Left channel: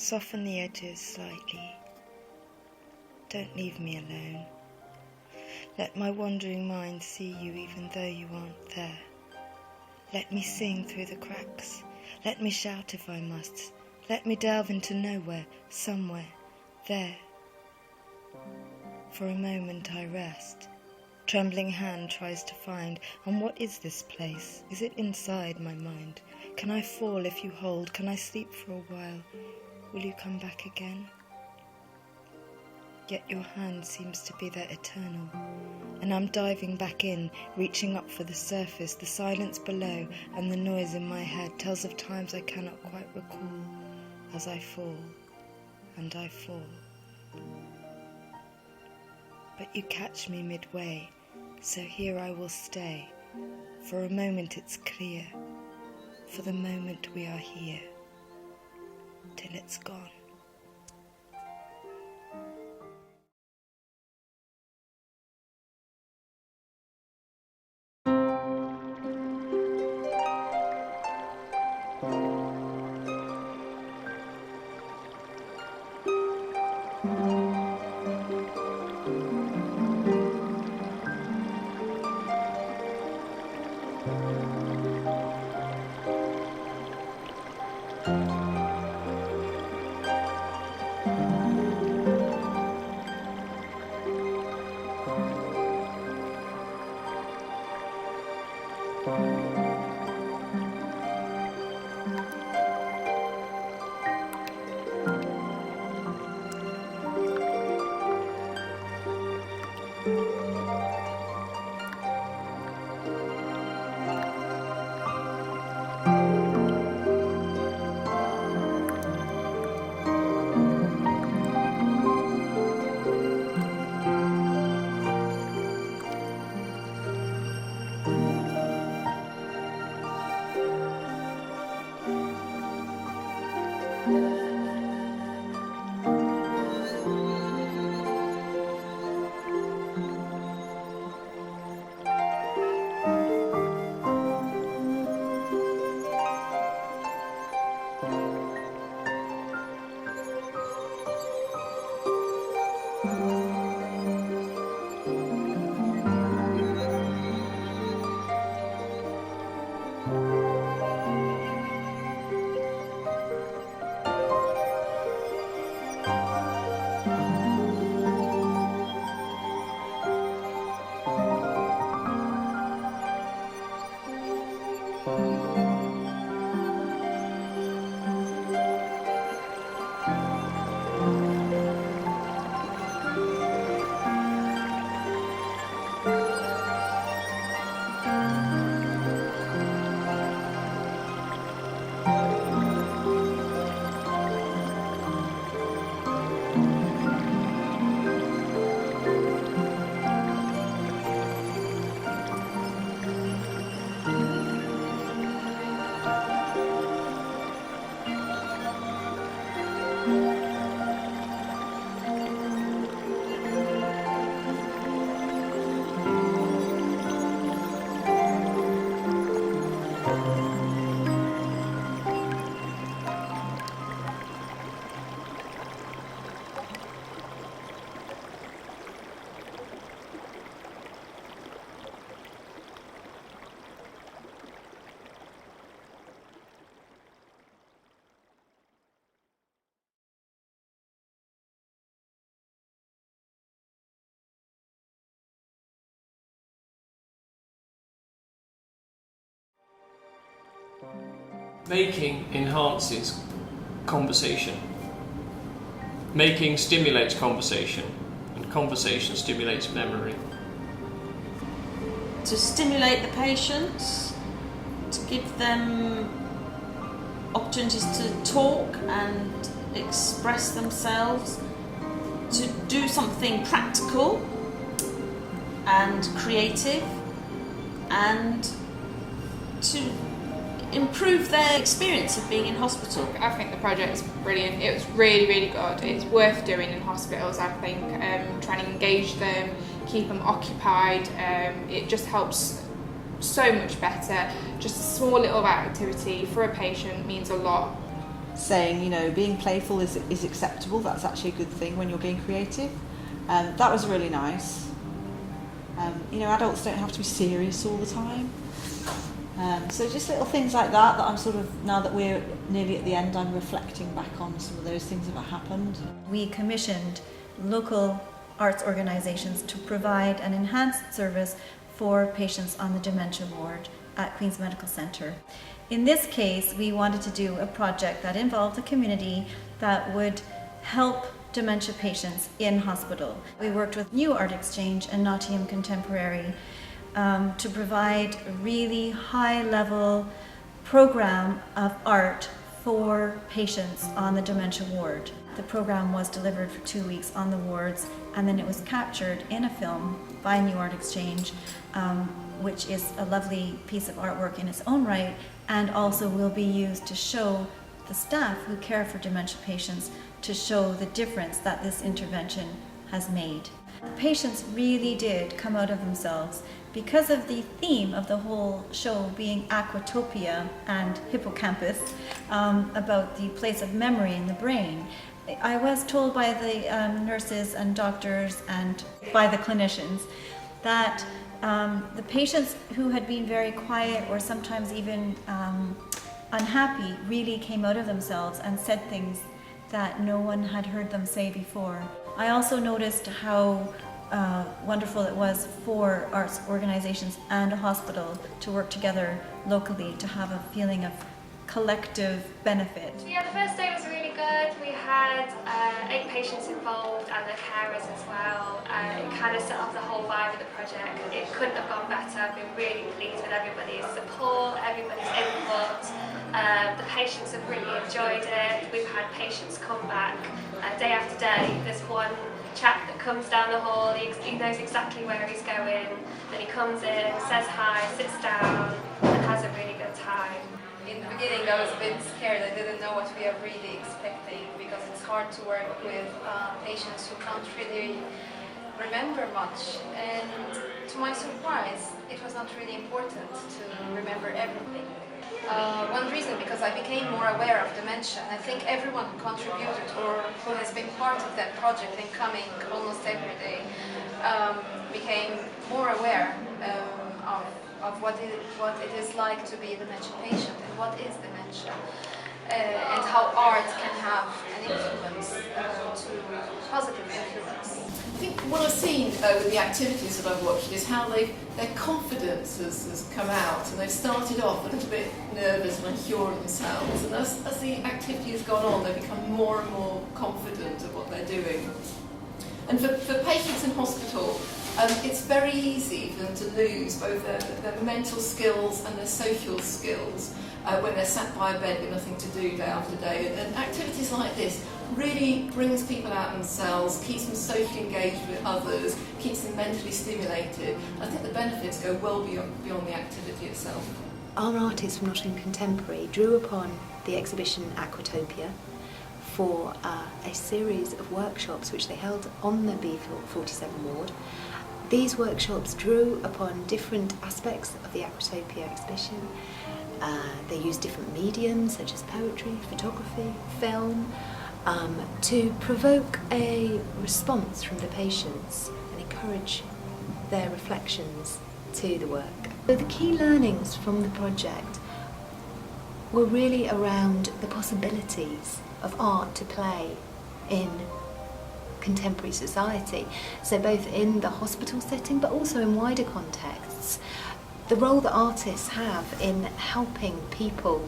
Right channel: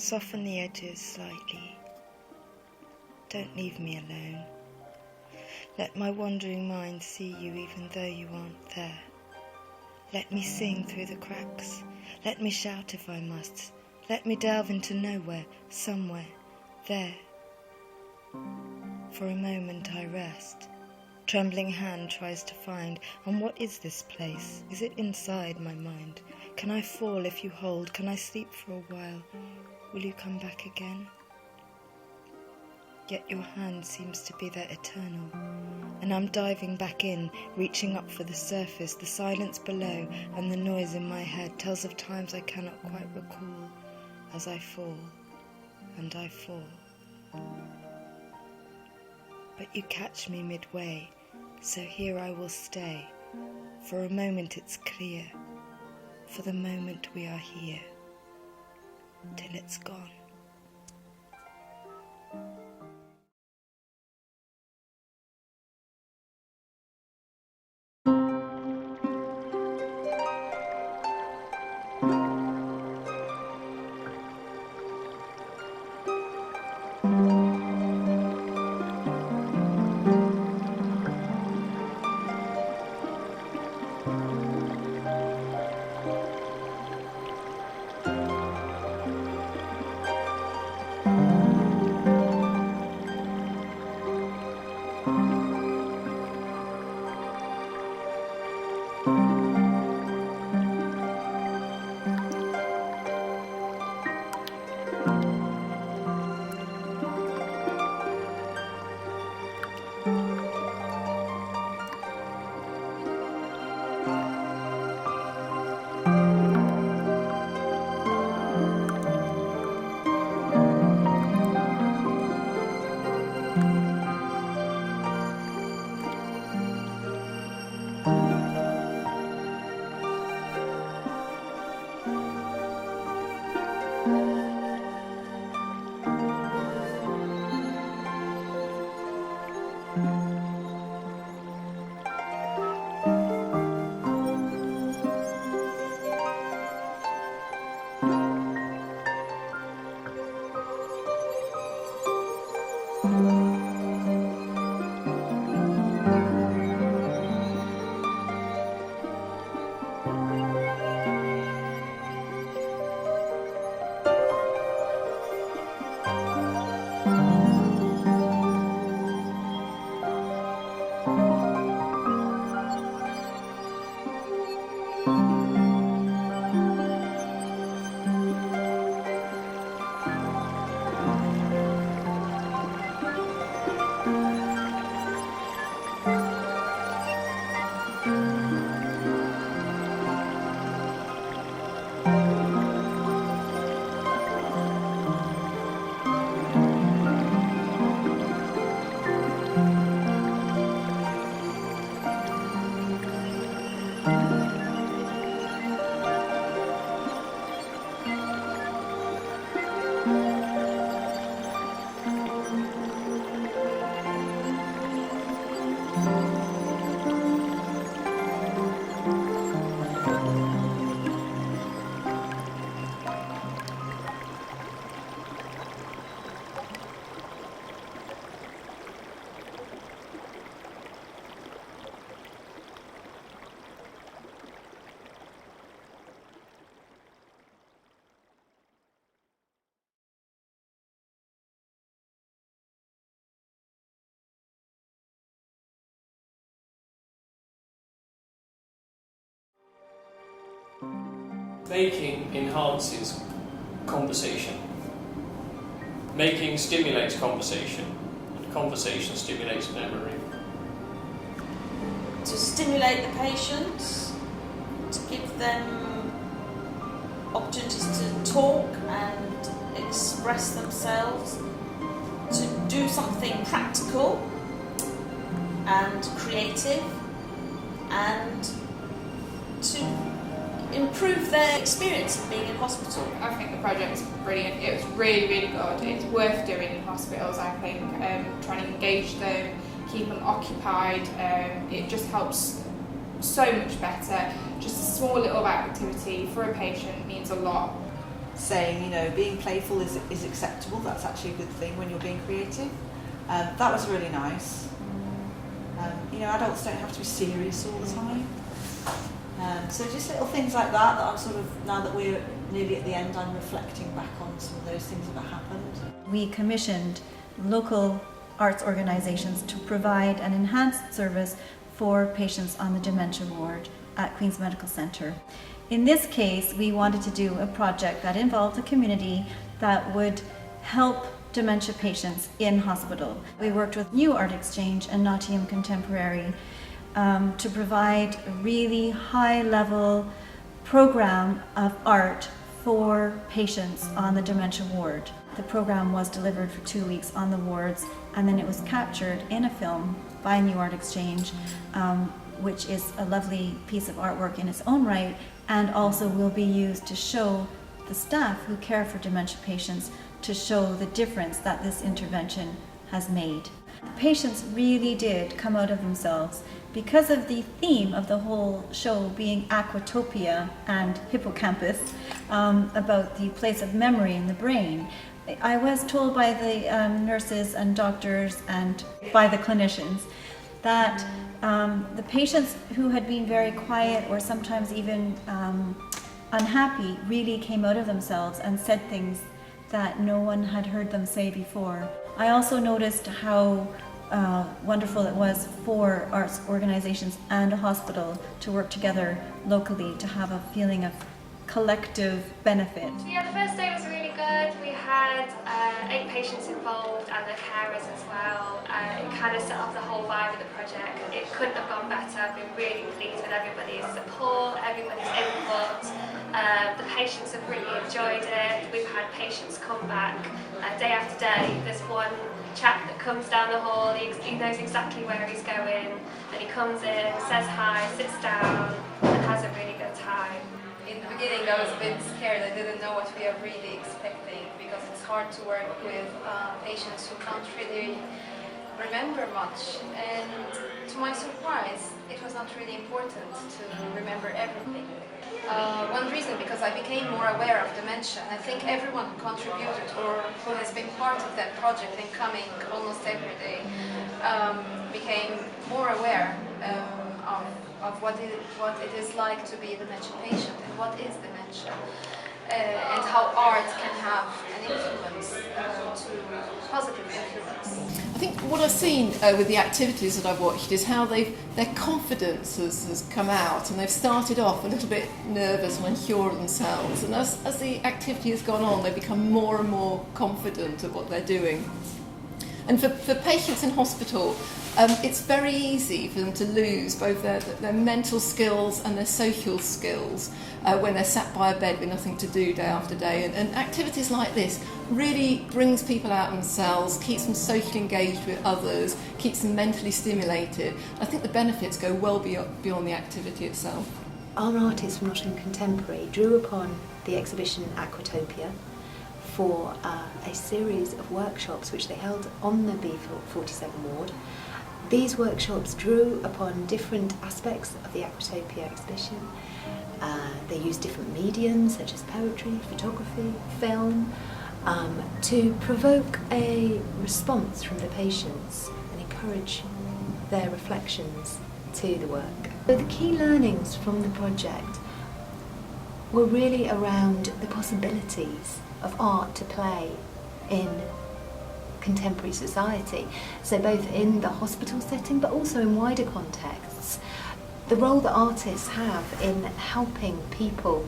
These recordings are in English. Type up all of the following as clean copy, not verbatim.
Soften the edges slightly. Don't leave me alone. Let my wandering mind see you even though you aren't there. Let me sing through the cracks. Let me shout if I must. Let me delve into nowhere, somewhere, there. For a moment I rest. Trembling hand tries to find, and what is this place? Is it inside my mind? Can I fall if you hold? Can I sleep for a while? Will you come back again? Yet your hand seems to be there eternal, and I'm diving back in, reaching up for the surface. The silence below and the noise in my head tells of times I cannot quite recall, as I fall, and I fall. But you catch me midway, so here I will stay. For a moment it's clear, for the moment we are here, till it's gone. Making enhances conversation. Making stimulates conversation, and conversation stimulates memory. To stimulate the patients, to give them opportunities to talk and express themselves, to do something practical and creative, and to improve their experience of being in hospital. I think the project's brilliant. It was really, really good. It's worth doing in hospitals, I think. Trying to engage them, keep them occupied. It just helps so much better. Just a small little activity for a patient means a lot. saying, you know, being playful is acceptable. That's actually a good thing when you're being creative. That was really nice. You know, adults don't have to be serious all the time. So just little things like that I'm sort of, now that we're nearly at the end, I'm reflecting back on some of those things that happened. We commissioned local arts organisations to provide an enhanced service for patients on the dementia ward at Queen's Medical Centre. In this case, we wanted to do a project that involved a community that would help dementia patients in hospital. We worked with New Art Exchange and Nottingham Contemporary to provide a really high-level program of art for patients on the dementia ward. The program was delivered for 2 weeks on the wards, and then it was captured in a film by New Art Exchange, which is a lovely piece of artwork in its own right, and also will be used to show the staff who care for dementia patients, to show the difference that this intervention has made. The patients really did come out of themselves because of the theme of the whole show being Aquatopia and Hippocampus, about the place of memory in the brain. I was told by the nurses and doctors and by the clinicians that the patients who had been very quiet or sometimes even unhappy really came out of themselves and said things that no one had heard them say before. I also noticed how wonderful it was for arts organisations and a hospital to work together locally to have a feeling of collective benefit. Yeah, the first day was really good. We had 8 patients involved and their carers as well. It kind of set off the whole vibe of the project. It couldn't have gone better. I've been really pleased with everybody's support, everybody's input. The patients have really enjoyed it. We've had patients come back day after day. There's one chap that comes down the hall, he knows exactly where he's going, and he comes in, says hi, sits down, and has a really good time. In the beginning I was a bit scared. I didn't know what we are really expecting, because it's hard to work with patients who can't really remember much, and to my surprise it was not really important to remember everything. One reason, because I became more aware of dementia, and I think everyone who contributed or who has been part of that project and coming almost every day became more aware of what it is like to be a dementia patient and what is dementia, and how art can have an influence, positive influence. I think what I've seen with the activities that I've watched is how their confidence has come out, and they've started off a little bit nervous and unsure of themselves, and as the activity has gone on, they've become more and more confident of what they're doing. And for patients in hospital, it's very easy for them to lose both their mental skills and their social skills when they're sat by a bed with nothing to do day after day. And activities like this really brings people out themselves, keeps them socially engaged with others, keeps them mentally stimulated. I think the benefits go well beyond the activity itself. Our artists from Nottingham Contemporary drew upon the exhibition Aquatopia for a series of workshops which they held on the B47 ward. These workshops drew upon different aspects of the Aquatopia exhibition. They used different mediums such as poetry, photography, film, to provoke a response from the patients and encourage their reflections to the work. So the key learnings from the project were really around the possibilities of art to play in contemporary society, so both in the hospital setting but also in wider contexts. The role that artists have in helping people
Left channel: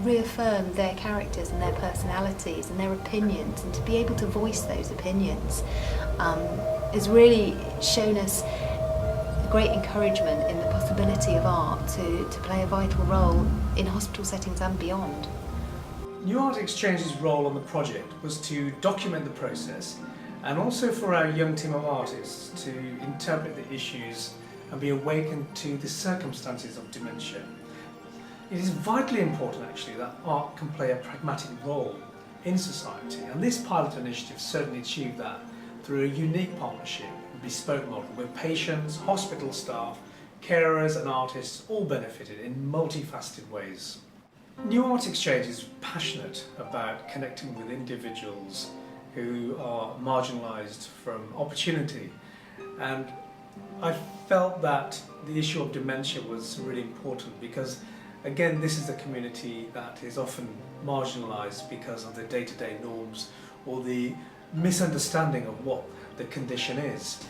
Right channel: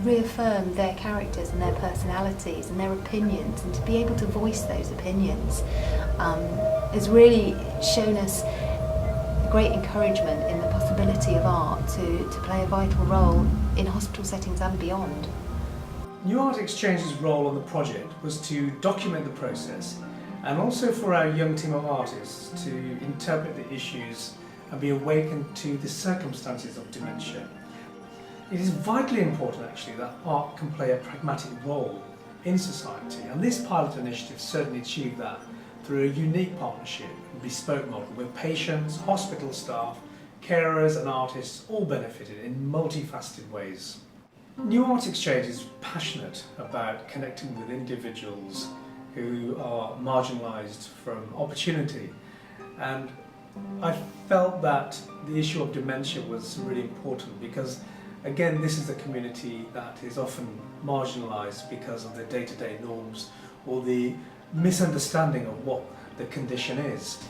reaffirm their characters and their personalities and their opinions, and to be able to voice those opinions has really shown us great encouragement in the possibility of art to play a vital role in hospital settings and beyond. New Art Exchange's role on the project was to document the process, and also for our young team of artists to interpret the issues and be awakened to the circumstances of dementia. It is vitally important actually that art can play a pragmatic role in society, and this pilot initiative certainly achieved that through a unique partnership, a bespoke model where patients, hospital staff, carers and artists all benefited in multifaceted ways. New Art Exchange is passionate about connecting with individuals who are marginalised from opportunity, and I felt that the issue of dementia was really important because, again, this is a community that is often marginalised because of the day-to-day norms or the misunderstanding of what the condition is.